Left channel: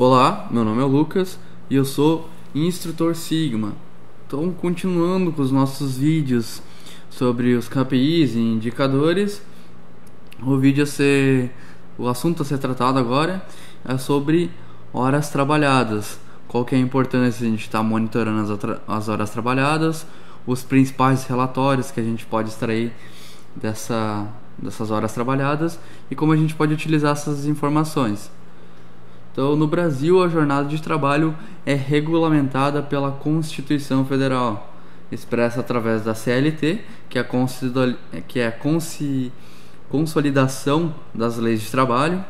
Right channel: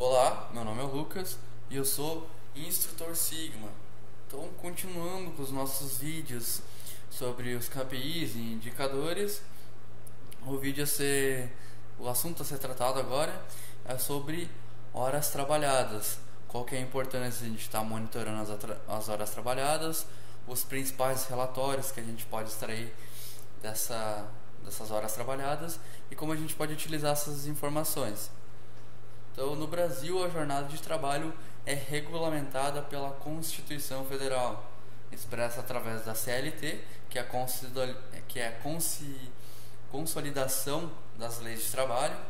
Olá, meu nome é Lucas e eu sou instrutor Sigma. Então, continuando com os nossos vídeos sobre os KPIs e indicadores, o assunto a ser tratado agora é sobre horas trabalhadas. Qual que é a importância de a gente estar monitorando as horas trabalhadas, os principais relatórios que a gente pode extrair dessas horas trabalhadas e como a gente pode utilizar essas informações. Então, no Brasil, a jornada de trabalho é regulamentada pela Constituição Federal, expressa através da CLT, que é a consolidação das leis de trabalho,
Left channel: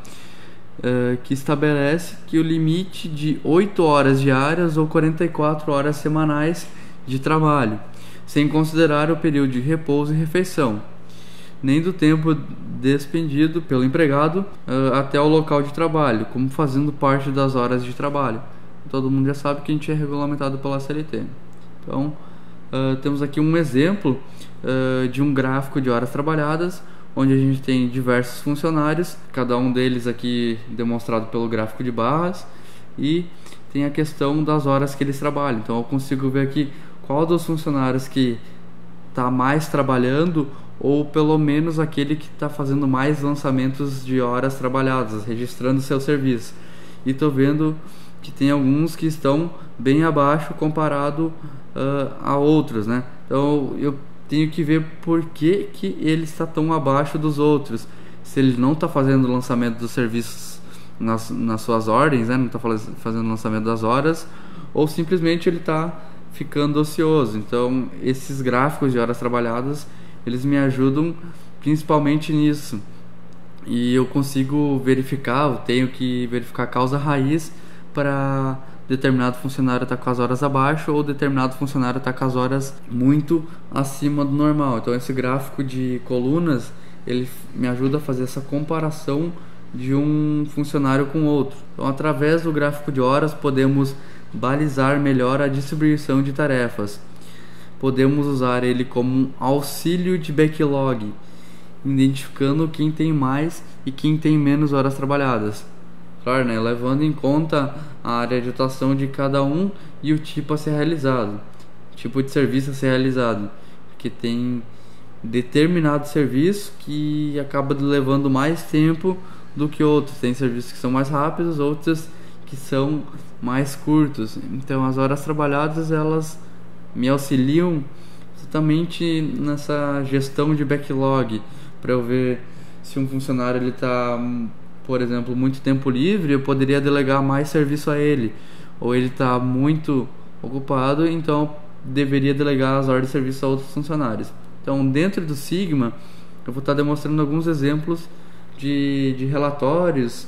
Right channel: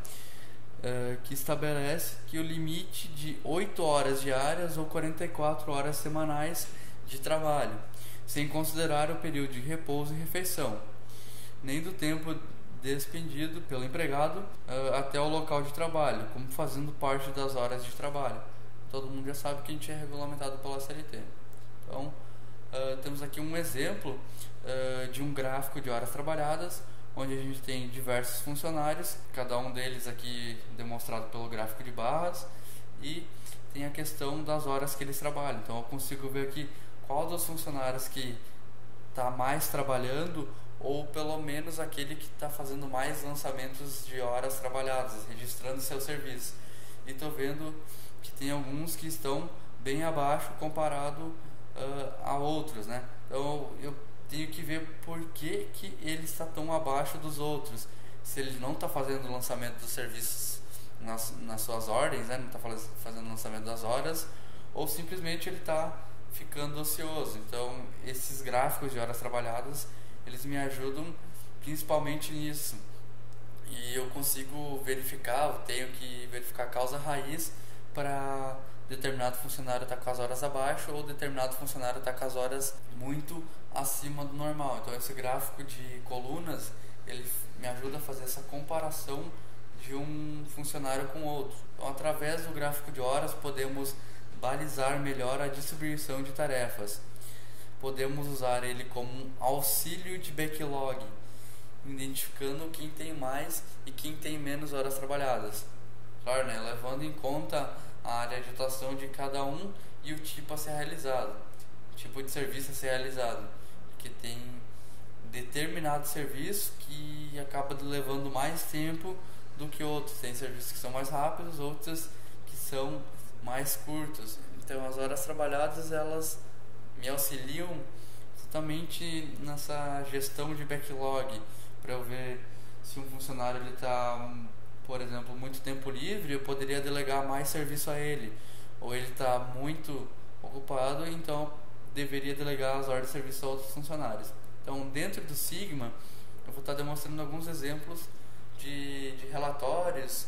que estabelece que o limite de 8 horas diárias ou 44 horas semanais de trabalho, sem considerar o período de repouso e refeição, nem do tempo despendido pelo empregado até o local de trabalho, como fazendo parte das horas de trabalho. Todo mundo já sabe que a gente é regulamentado pela CLT. Então, temos aqui um exemplo de um gráfico de horas trabalhadas, onde a gente tem diversos funcionários, cada um deles aqui demonstrado pelo gráfico de barras, e tem a questão das horas que eles trabalham. Então, eu consigo ver aqui qual dos funcionários que está mais trabalhando, ou pelo menos aquele que está fazendo mais lançamentos de horas trabalhadas, registrando seu serviço. E estou vendo que tem alguns que estão bem abaixo comparado a outros, né? Então eu tenho que ver por que ele está tão abaixo dos outros. Se ele não está fazendo o lançamento dos serviços nas suas ordens, né? Não está fazendo o lançamento das horas, ou simplesmente ele está ficando ocioso. Então esses gráficos de horas trabalhadas, eles me ajudam principalmente nisso, e eu consigo verificar, eu tenho que verificar a causa raiz para determinado funcionário estar com as horas abaixo ou determinado funcionário estar com as horas muito acima do normal. Então esse gráfico de colunas, ele me ajuda a fazer essa comparação de um funcionário com outro. Então, através do gráfico de horas, podemos balizar melhor a distribuição de tarefas. Podemos usar ele como um auxílio de backlog, identificando quem tem mais e quem tem menos horas trabalhadas. Claro, né? Levando em conta a área de atuação de cada um e o tipo a ser realizado, tipo de serviço a ser realizado, porque tem determinado serviço que acaba levando mais tempo do que outros. Tem serviços que são mais rápidos, outros que são mais curtos. Então as horas trabalhadas, elas me auxiliam exatamente nessa gestão de backlog, para eu ver se um funcionário ele está, por exemplo, muito tempo livre, eu poderia delegar mais serviço a ele, ou ele está muito ocupado, então deveria delegar as ordens de serviço a outros funcionários. Então, dentro do Sigma, eu vou estar demonstrando alguns exemplos de relatórios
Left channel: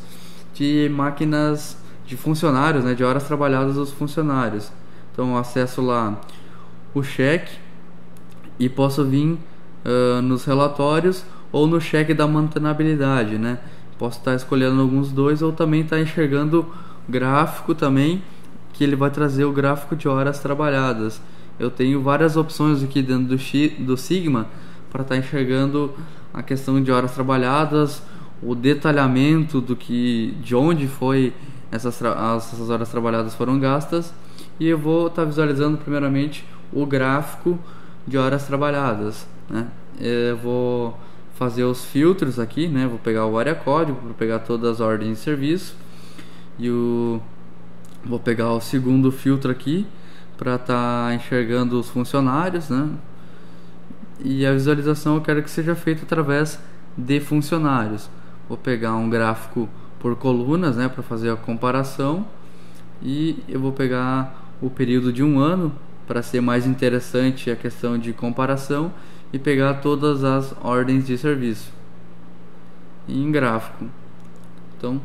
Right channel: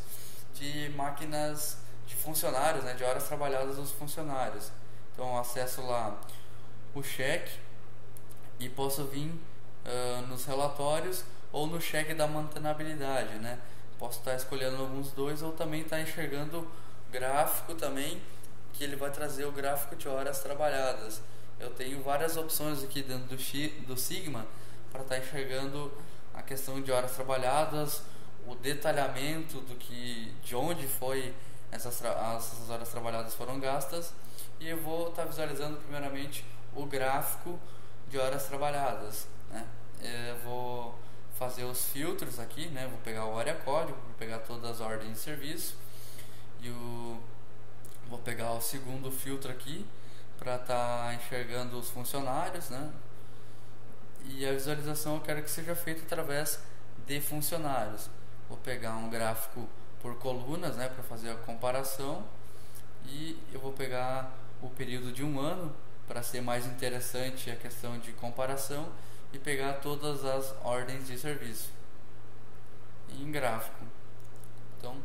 de máquinas de funcionários, né, de horas trabalhadas dos funcionários. Então, eu acesso lá o cheque e posso vir nos relatórios ou no cheque da mantenabilidade, né? Posso estar escolhendo alguns dois, ou também estar enxergando gráfico também, que ele vai trazer o gráfico de horas trabalhadas. Eu tenho várias opções aqui dentro do Sigma para estar enxergando a questão de horas trabalhadas, o detalhamento de onde foi essas horas trabalhadas foram gastas, e eu vou estar visualizando primeiramente o gráfico de horas trabalhadas, né? Eu vou fazer os filtros aqui, né? Vou pegar o área código para pegar todas as ordens de serviço, e vou pegar o segundo filtro aqui para estar enxergando os funcionários, né? E a visualização eu quero que seja feita através de funcionários. Vou pegar um gráfico por colunas, né, para fazer a comparação, e eu vou pegar o período de um ano para ser mais interessante a questão de comparação, e pegar todas as ordens de serviço em gráfico. Então,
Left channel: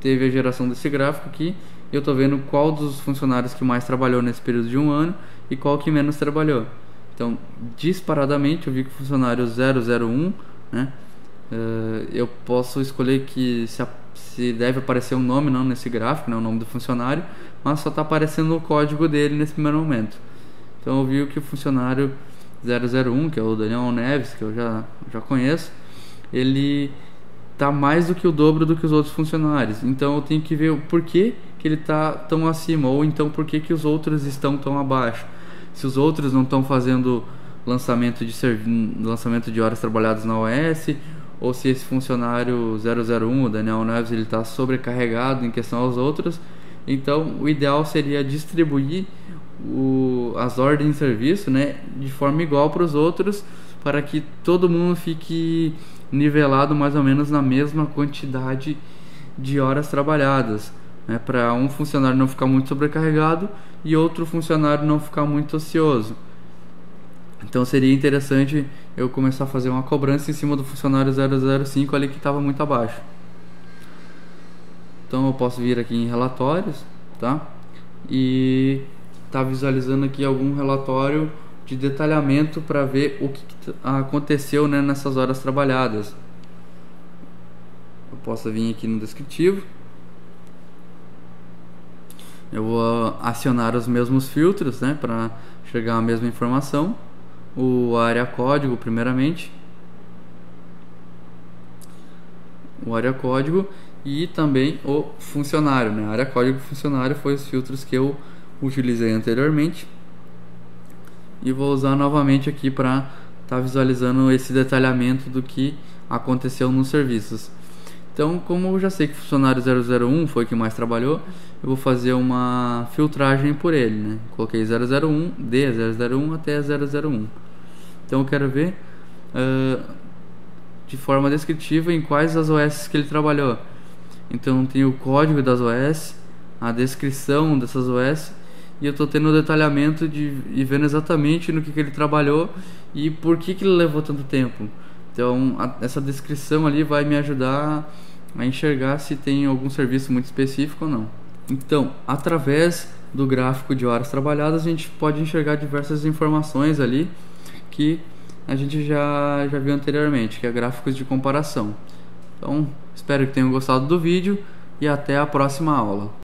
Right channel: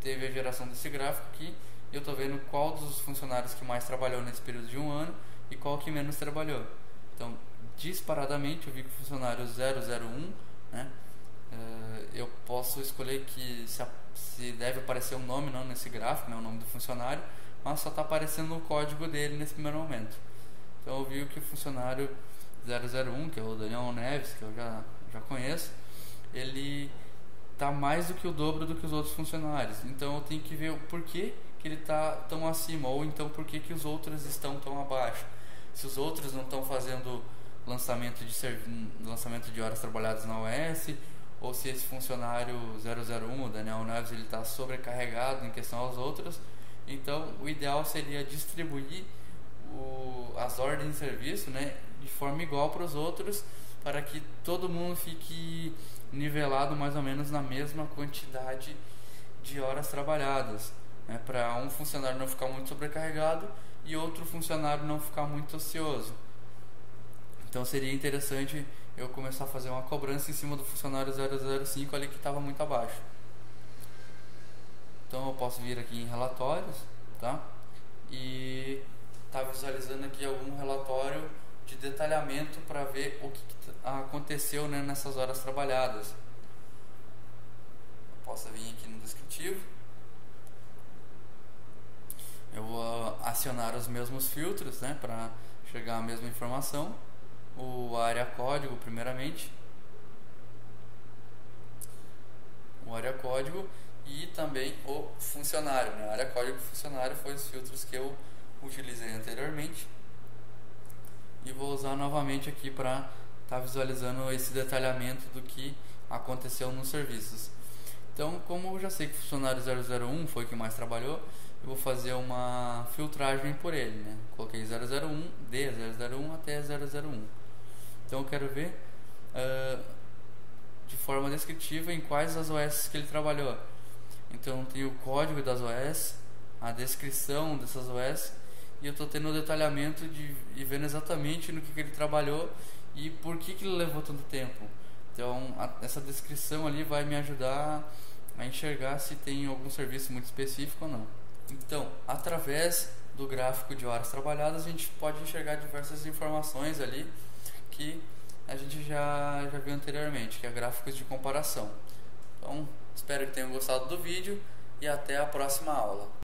teve a geração desse gráfico aqui, e eu estou vendo qual dos funcionários que mais trabalhou nesse período de um ano e qual que menos trabalhou. Então, disparadamente, eu vi que o funcionário 001, né, eu posso escolher que se deve aparecer um nome não nesse gráfico, né, o nome do funcionário, mas só está aparecendo o código dele nesse primeiro momento. Então eu vi que o funcionário 001, que é o Daniel Neves, que eu já conheço, ele tá mais do que o dobro do que os outros funcionários. Então eu tenho que ver o porquê que ele tá tão acima, ou então porquê que os outros estão tão abaixo. Se os outros não estão fazendo lançamento de horas trabalhadas na OS, ou se esse funcionário 001, o Daniel Neves, ele está sobrecarregado em questão aos outros. Então o ideal seria distribuir as ordens de serviço, né, de forma igual para os outros, para que todo mundo fique nivelado mais ou menos na mesma quantidade de horas trabalhadas, né, para um funcionário não ficar muito sobrecarregado e outro funcionário não ficar muito ocioso. Então seria interessante eu começar a fazer uma cobrança em cima do funcionário 005 ali que estava muito abaixo. Então eu posso vir aqui em relatórios, tá? E tá visualizando aqui algum relatório de detalhamento para ver o que aconteceu, né, nessas horas trabalhadas. Eu posso vir aqui no descritivo. Eu vou acionar os mesmos filtros, né, para chegar à mesma informação. O área código, primeiramente. O área código e também o funcionário, né? Área código e funcionário foi os filtros que eu utilizei anteriormente. E vou usar novamente aqui para estar visualizando esse detalhamento do que aconteceu nos serviços. Então, como eu já sei que o funcionário 001 foi o que mais trabalhou, eu vou fazer uma filtragem por ele, né? Coloquei 001, de 001 até 001. Então eu quero ver de forma descritiva em quais as OS que ele trabalhou. Então tem o código das OS, a descrição dessas OS, e eu estou tendo o detalhamento e vendo exatamente no que ele trabalhou e por que ele levou tanto tempo. Então essa descrição ali vai me ajudar a enxergar se tem algum serviço muito específico ou não. Então, através do gráfico de horas trabalhadas, a gente pode enxergar diversas informações ali que a gente já viu anteriormente, que é gráficos de comparação. Então, espero que tenham gostado do vídeo e até a próxima aula.